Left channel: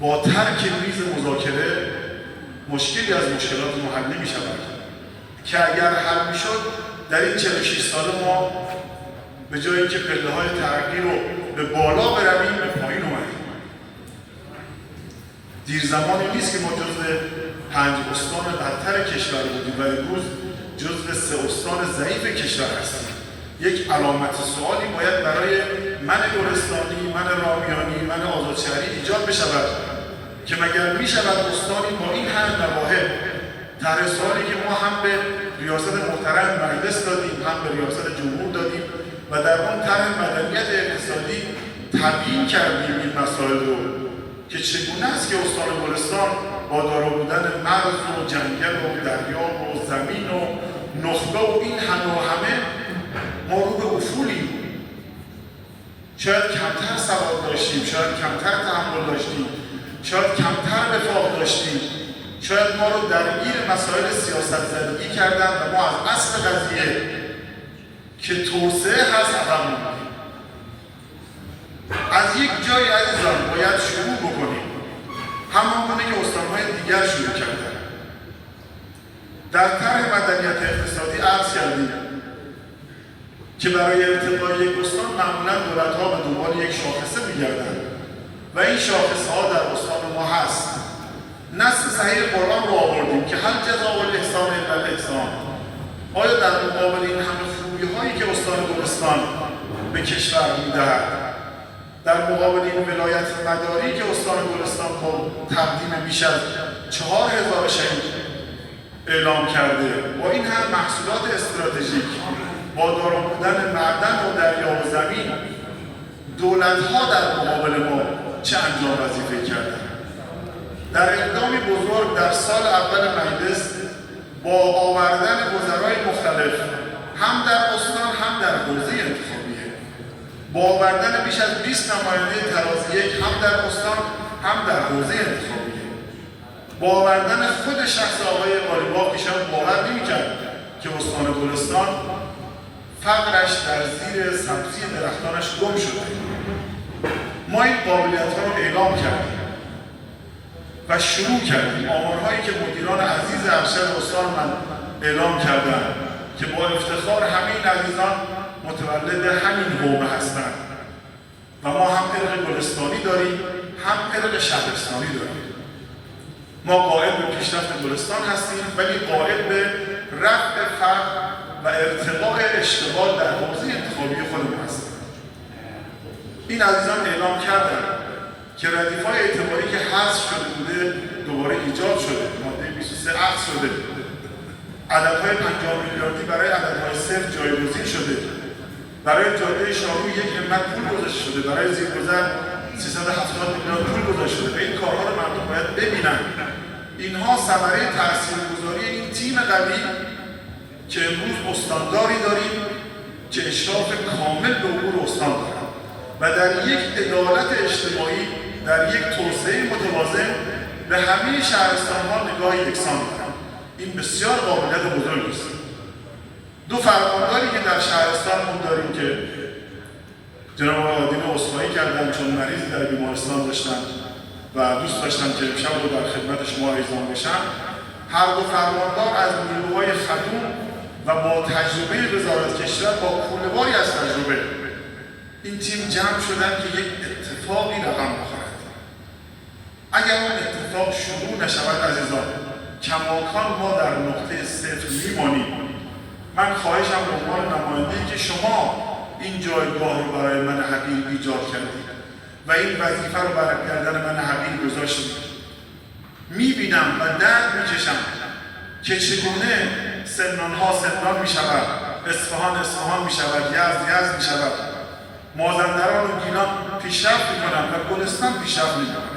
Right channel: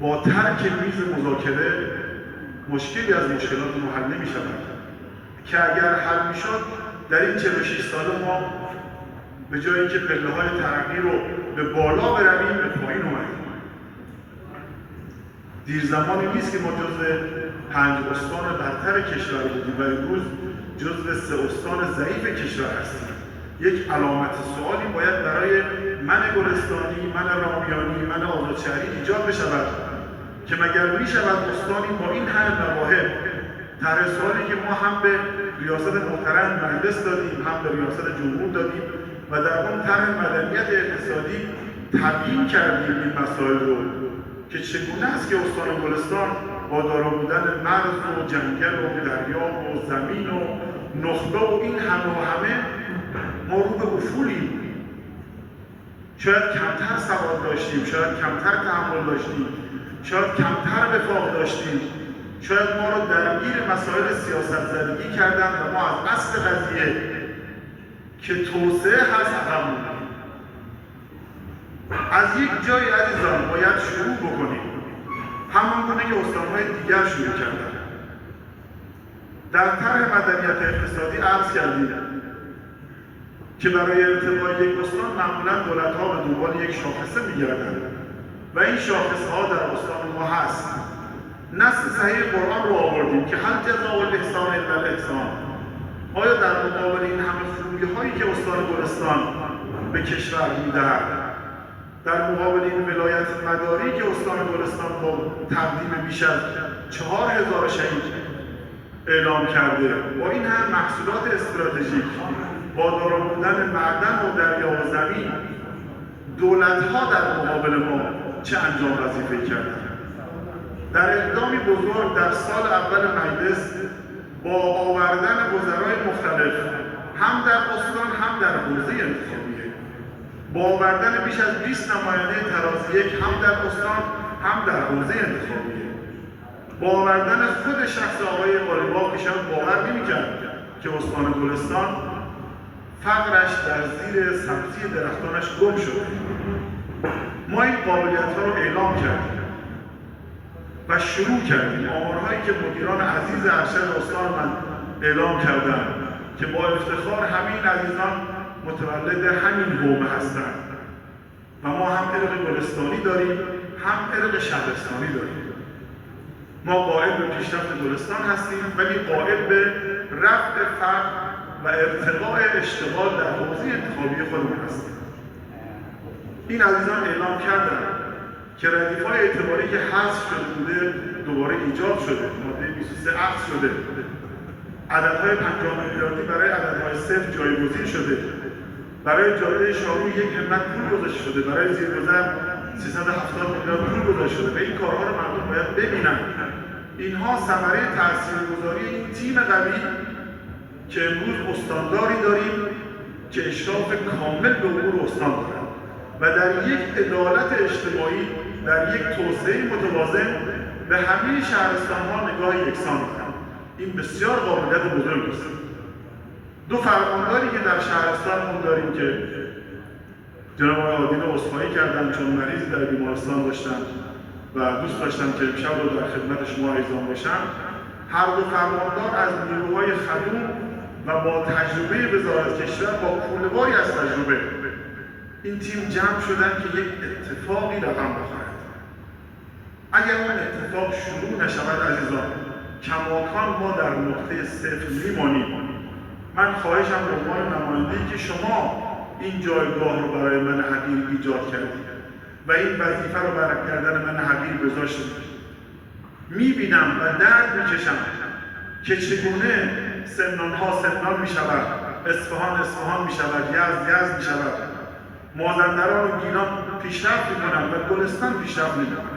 با ترک میز مذاکره مشکلی از مشکلات ما حل نمی‌شود که اگر حل می‌شد در این 46 سال ما به جای اینکه پله‌های ترقی رو به بالا برویم به پایین اومدیم. دیر زمانی نیست که ما جزو 5 استان برتر کشور بودیم و امروز جزو 3 استان ضعیف کشور هستیم. یک علامت سوالی باید برای من گلستانی، من رامیانی، من آزادشهری ایجاد بشود که مگر می‌شود استانی با این همه مواهب طرح سوالی که ما هم به ریاست محترم مجلس دادیم، هم به ریاست جمهور دادیم و در اون طرح مدنیت اقتصادی تبیین کردیم این مسائل رو که چگونه است که استان گلستان با دارا بودن مرز و جنگل و دریا و زمین و نخبه و این همه ما رو به افولیم. شاید کمتر سواد داشتیم، شاید کمتر تحمل داشتیم، شاید کمتر وفاق داشتیم، شاید ما رو درگیر مسائل سیاست زدگی کردن و ما از اصل قضیه که توسعه هست عقب موندیم. از یک جایی عزیزان باید شروع بکنیم، همانگونه که استان‌های دیگر شروع کردن. در طرح مدنیت اقتصادی عرض کردیم که برای ارتقای یک استان معمولا دولت‌ها به دنبال یک شاخصه می‌گردند و این شاخص‌ها در استان ما هست. نص صحیح قرآن رو آوردیم که هل جزاء الاحسان الا الاحسان. آیا در مقابل این همه خوبی‌هایی که استان گلستان به کشور می‌دهد، در مقابل این ولایت مداری که استان گلستان با تقدیم بیش از 4000 شهید اعلام کرده، با این هم محصولات استراتژیک، با دارا بودن معدن و دریا و زمین، دولت‌ها در مقابل ما چه انجام وظیفه کردن؟ در اقدامی بزرگ در سال اول مجلس با آوردن وزرای مختلف هم در استان هم در حوزه انتخابیه، با آوردن بیش از 20 نماینده تراز یک هم در استان هم در حوزه انتخابیه، با آوردن خود شخص آقای قالیباف که شاید باور نمی‌کرد که استان گلستان فقرش در زیر سبزی درختانش گم شده. ما این قابلیت‌ها رو اعلام کردیم و شروع کردیم. آمارهایی که مدیران عزیز ارشد استان من اعلام کردن که با افتخار همین عزیزان متولد همین حومه هستند و ما هم ارق گلستانی داریم هم ارق شهرستانی داریم. ما قائل به پیشرفت گلستان هستیم ولی قائل به رفع فرق و ارتقاء اشتغال در حوزه انتخابی خودمون هستیم. این عزیزان اعلام کردن که ردیف‌های اعتباری که حذف شده بوده دوباره ایجاد شده، ماده 23 عقد شده، عددهای 50 میلیاردی برای عددهای صفر جایگزین شده، برای جاده شاهرو یک همت پول گذاشته شده، برای زیرگذر 370 میلیون پول گذاشته شده و این کارها رو مردم باید ببینن. اینها ثمره تاثیرگذاری این تیم قوی که امروز استانداری داریم که اشراف کامل به امور استان دارد و در یک عدالت اجتماعی، در یک توسعه متوازن به همه شهرستان‌ها نگاه یکسان دارد. این بسیار قابلیت بزرگی است. دو فرمانداری که در شهرستانمون داریم که جناب آقای آدین عذرخواهی کردن چون مریضی در بیمارستان داشتن و دوست داشتم که امشب رو در خدمت شما اعزام بشم. هر دو فرماندار از نیروهای خدوم و با تجربه وزارت کشور با کوله‌باری از تجربه این تیم جمع شدن که یک اتفاقی رقم بخورد. اگر اون اتفاق شروع نشود عزیزان، کماکان ما در نقطه صفر میمانیم. من خواهشم به عنوان نماینده‌ای که شما این جایگاه رو برای من حقیر ایجاد کردید و این وظیفه رو برای گردن من حقیر گذاشتید، میبینم و درد میکشم که چگونه سمنان‌ها سمنان میشود، اصفهان میشود، یزد میشود، مازندران و گیلان پیشرفت میکنند و گلستان پیشرفت میکنند.